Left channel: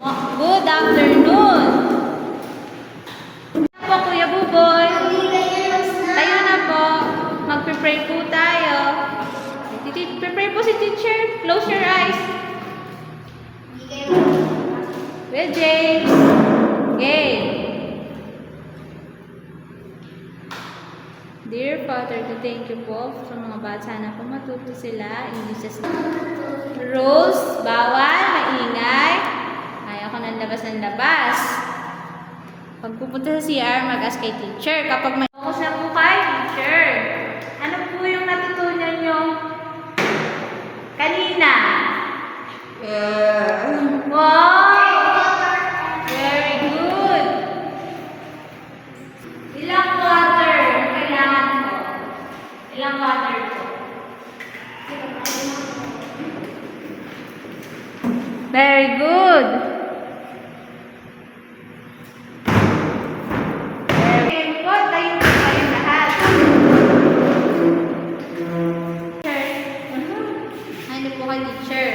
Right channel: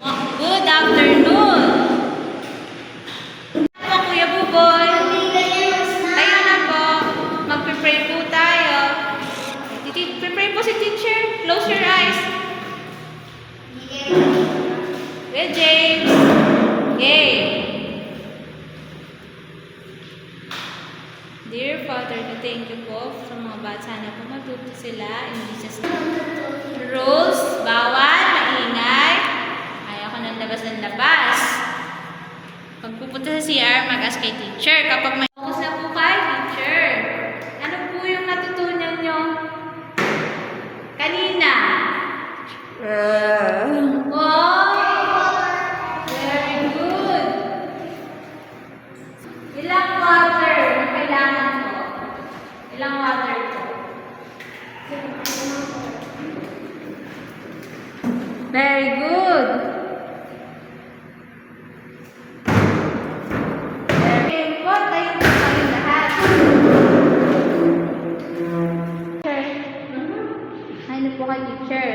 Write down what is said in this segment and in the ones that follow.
Good afternoon. Po, Kuya Buboy. Kayo na po. Mag-pray po tayo. Pray po si teacher. Close your eyes. Well, James. Okay. Dear Father, thank you po sa mga bata. Sana po matuto sila. In Jesus' name. Rules, bawal, maingay. Ayaw ko ng labas. Pag pupunta sa CR, mag-ask kay teacher. Kapag may focus na po kay teacher. Ano po yung natutunan nyo kanina? Wow! Very good. Ilang water ang kailangan ko? Ilang water po? Very good. Very good. Tayo po tayo lahat. Ano po ka, teacher?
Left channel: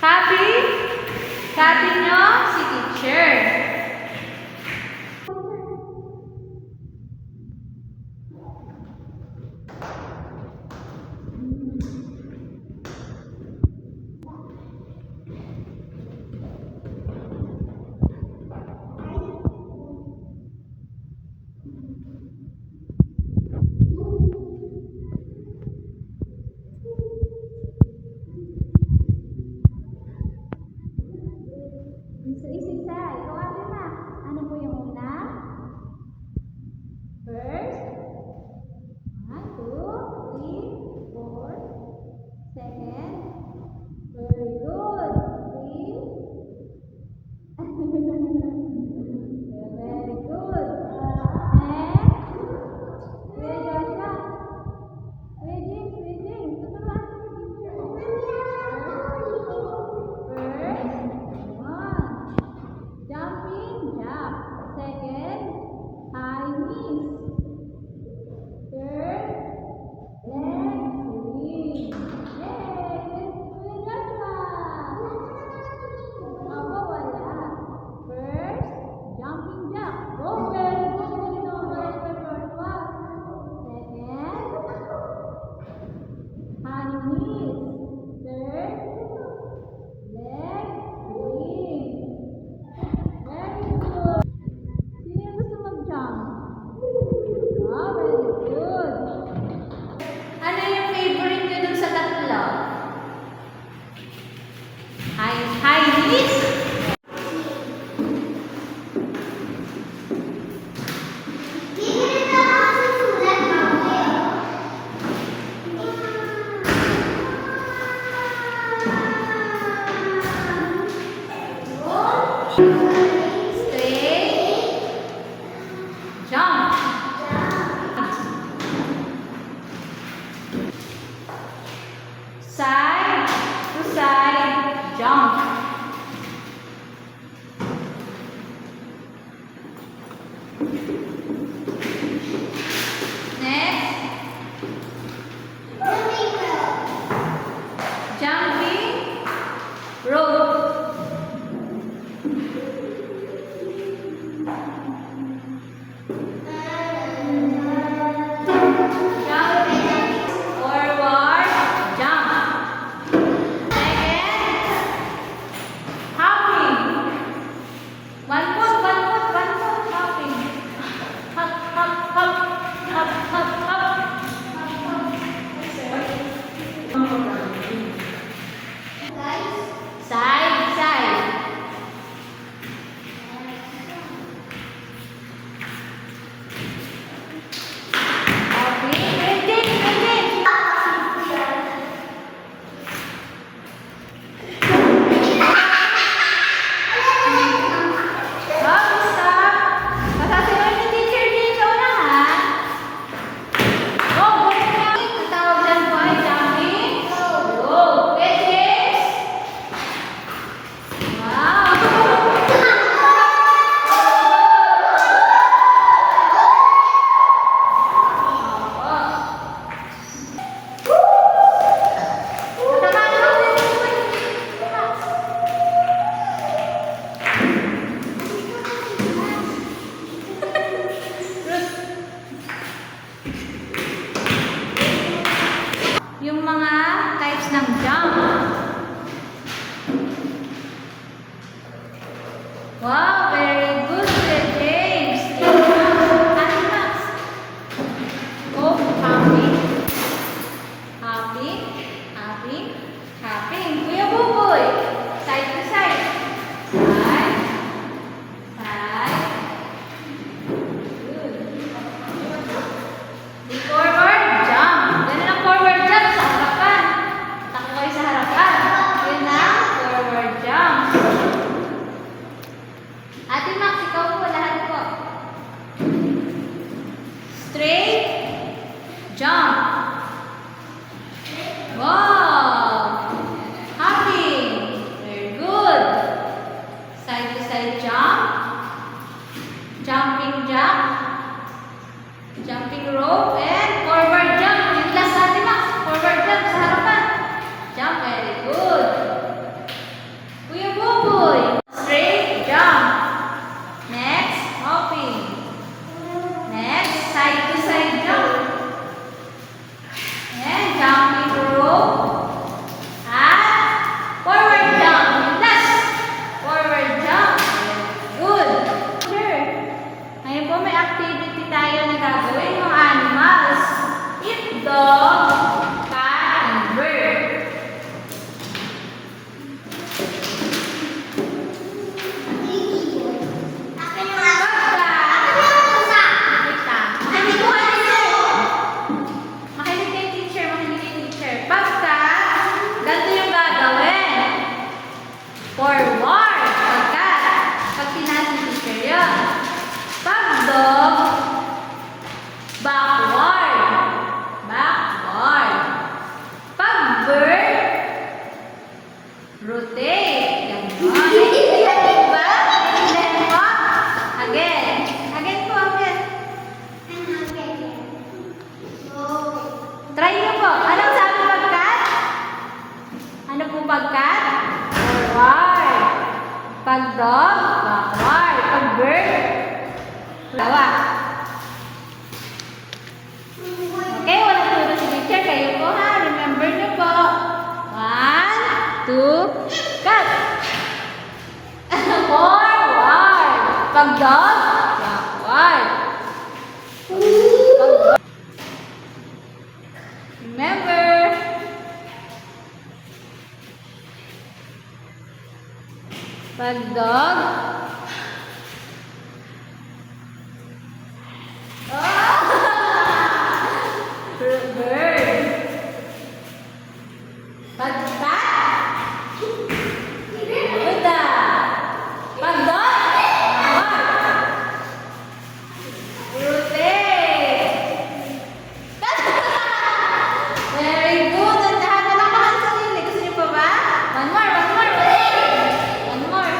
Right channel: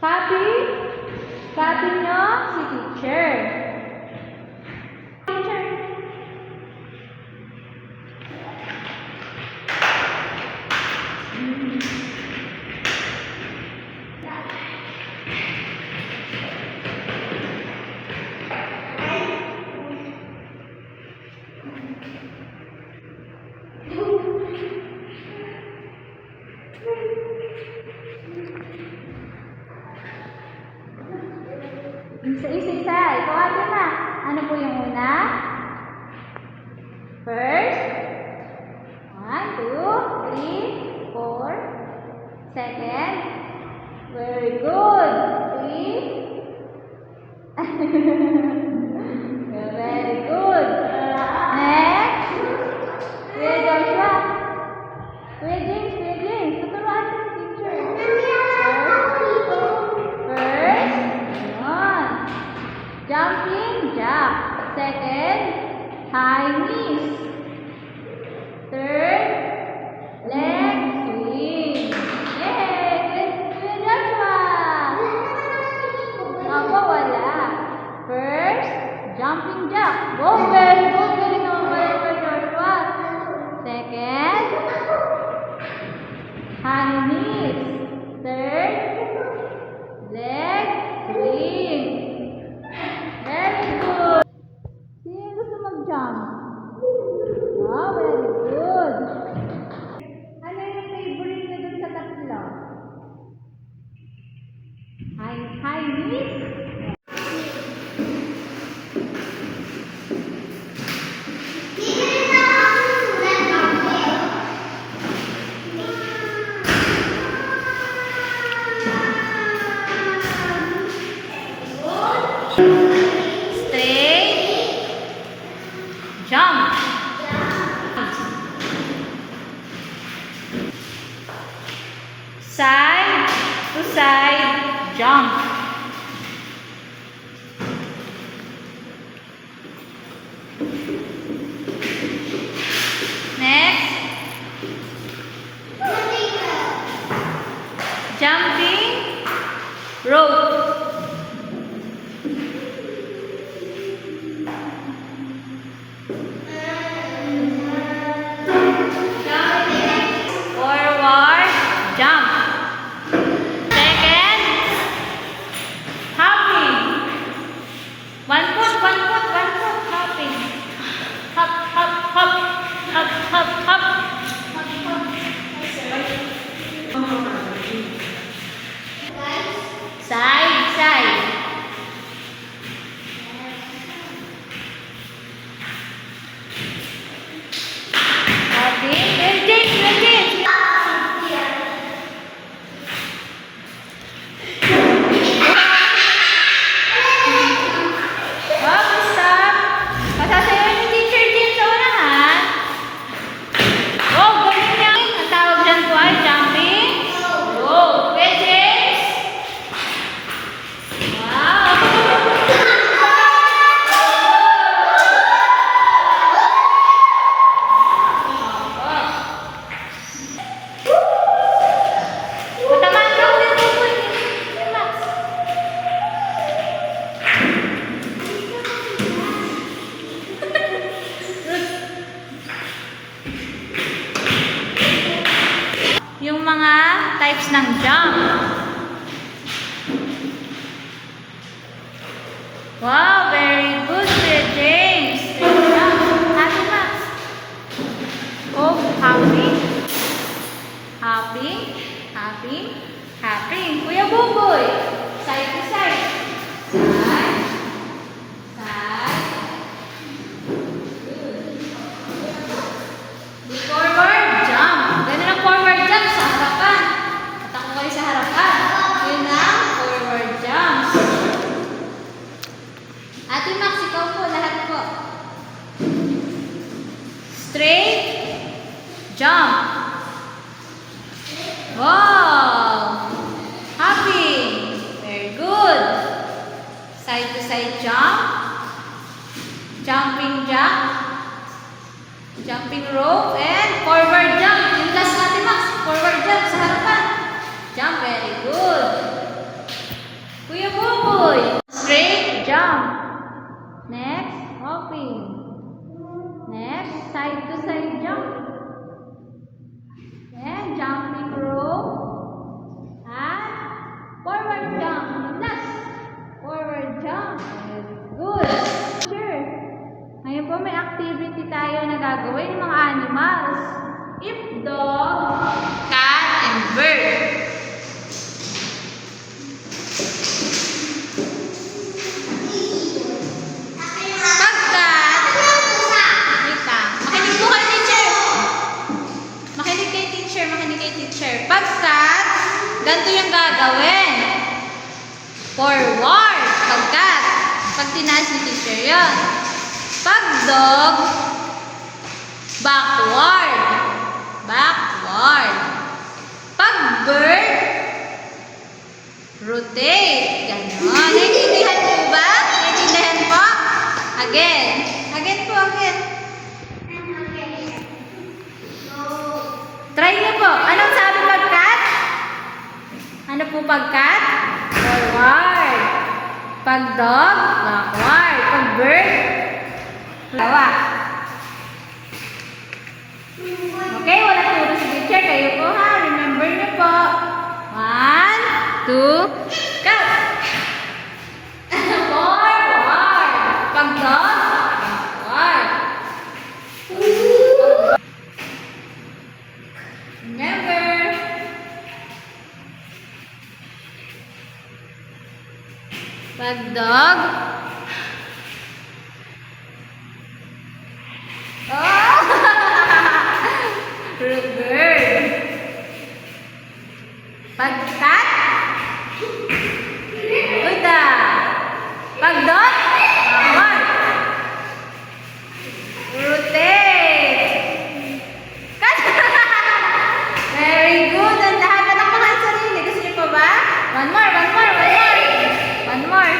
Copy? Copy nyo si teacher. Isa-isa. Ikaw atin na. Ano po yung una? First. 1, 2, 3, 4, ng jump. Wow, very good, Kuya James. Great job. Ate Max. Oh, happy. Happy. Happy. Happy. Kuya Buboy. Side to side. Side. Side. Good. Forward jump. Ganun ang forward jump sa harapan. Takbo kayo sa harapan. Yun ang forward jump. Ate Max, ikaw po, lahat po. Straight jump. Wow! Happy. Very good. Side to side jump. Jumping jump. Jumping rope and forward jump. Yung last natin, Max. Forward jump sa harapan. Jump. Very good. Kuya Buboy. Straight jump. Next, hopping. Next, side to side jump. And jumping rope. At forward jump. Yung last. Forward jump. Very good. Sure. Ngayon po may activity tayo na gagawin ng animals. Eat dog, cat, and bird. Ganito yung gagawin. Forward. Pagkat. Pag tinaas ni teacher yun. Pag dog, backward. Backward. Pag bird, rotate. Ganon. Naiintindihan mo ba? Naiintindihan mo? Again. Again po, again. Try niyo po. Anong sabi pagkat? Ano po pagkat? Forward. Pag dog, backward. Pag bird, lawa. Okay, wala turo si teacher. Kayo po ha. Remember niyo po. 1, 2, cut! Forward. Pag dog, backward. Remember. Pag dog. Bird. Pag cat. Good. Pag dog. Rotate. Very good. Ang lahat na nakuha sa sarili. Gusto niyo pa ba? One more. One more.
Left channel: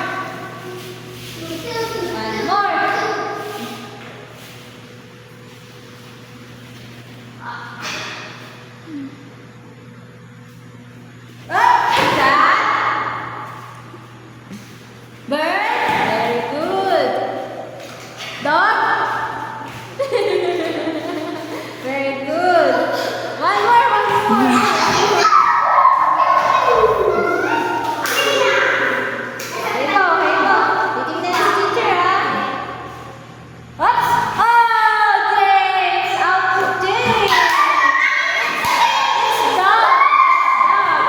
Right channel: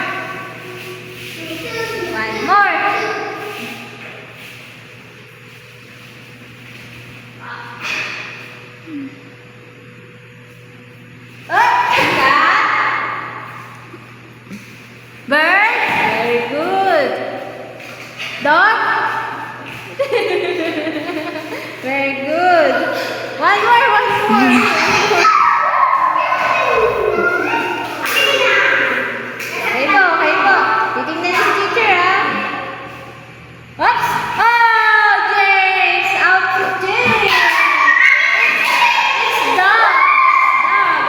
Bird. Very good. Dog. Very good. One more. Okay po. Titingnan si teacher, ha? Oops! Oh, James! Out to James! It's dog!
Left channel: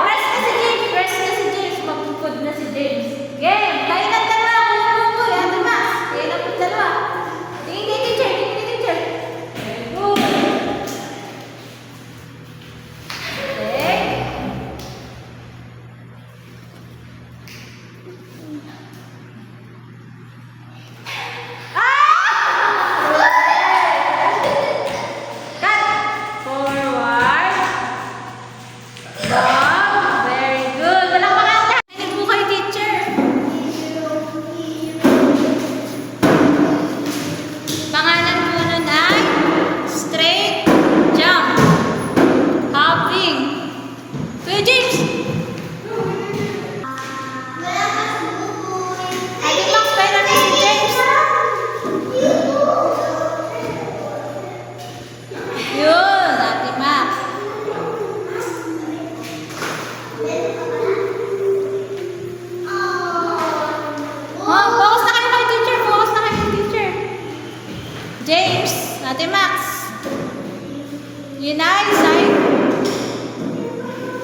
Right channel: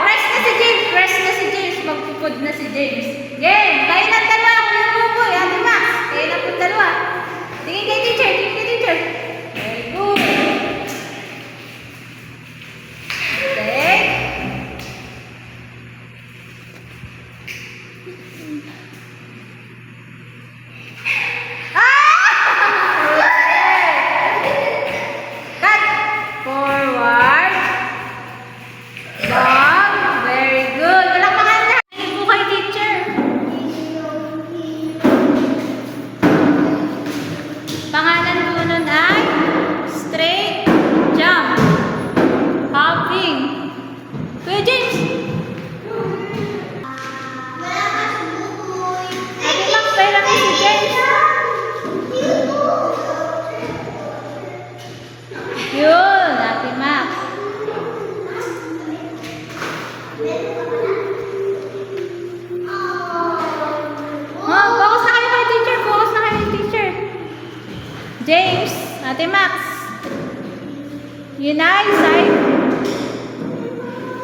Rest na si James! Rest na si James! Magpupod na si James. Game! Kayo ng dalawa! Kuya Buboy! Ate Max! Kayo ng dalawa! Tingin kay teacher! Tingin kay teacher! Very good! Okay.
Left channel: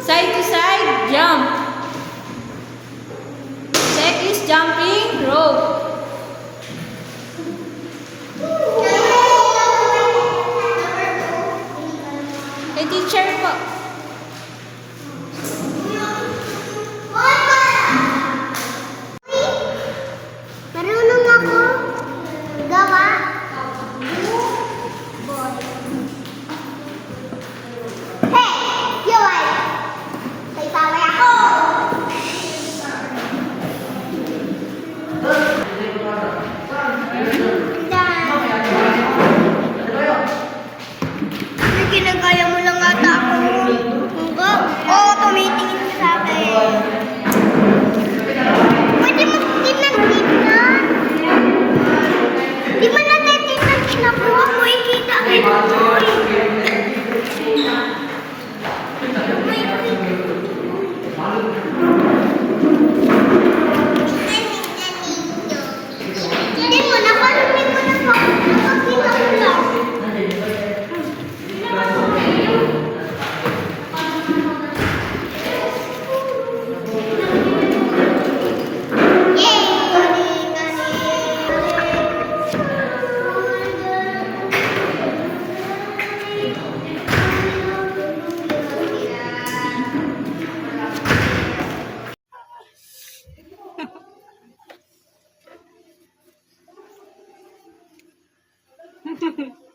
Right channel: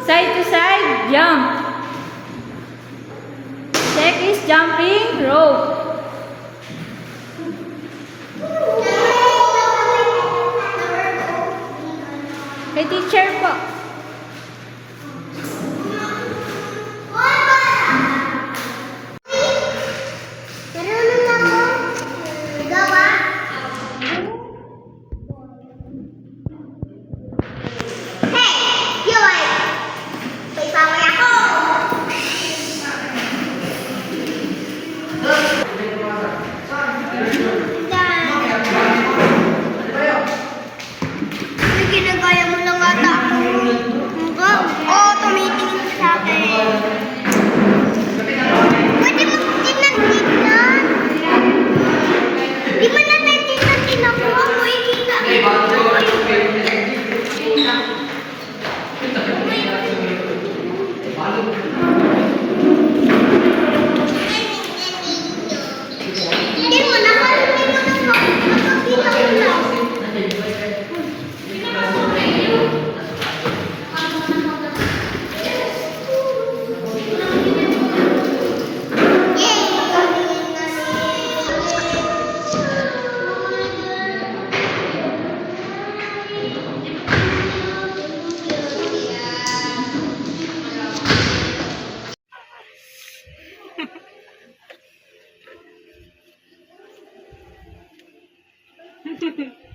Side to side, jump. Check is jumping rope. Kay teacher po. Marunong ako. Gawa. Hey! Yoy! May paway ako! Ay, ginagaya mo lang ata ako. Oo, tumitingin ka sa akin. Pwede mo tignan-tignan. Di ba natin tignan-tignan ko ako ikita ko tuloy. Hindi mo na hindi ko na nakakita ko lang. Hehehe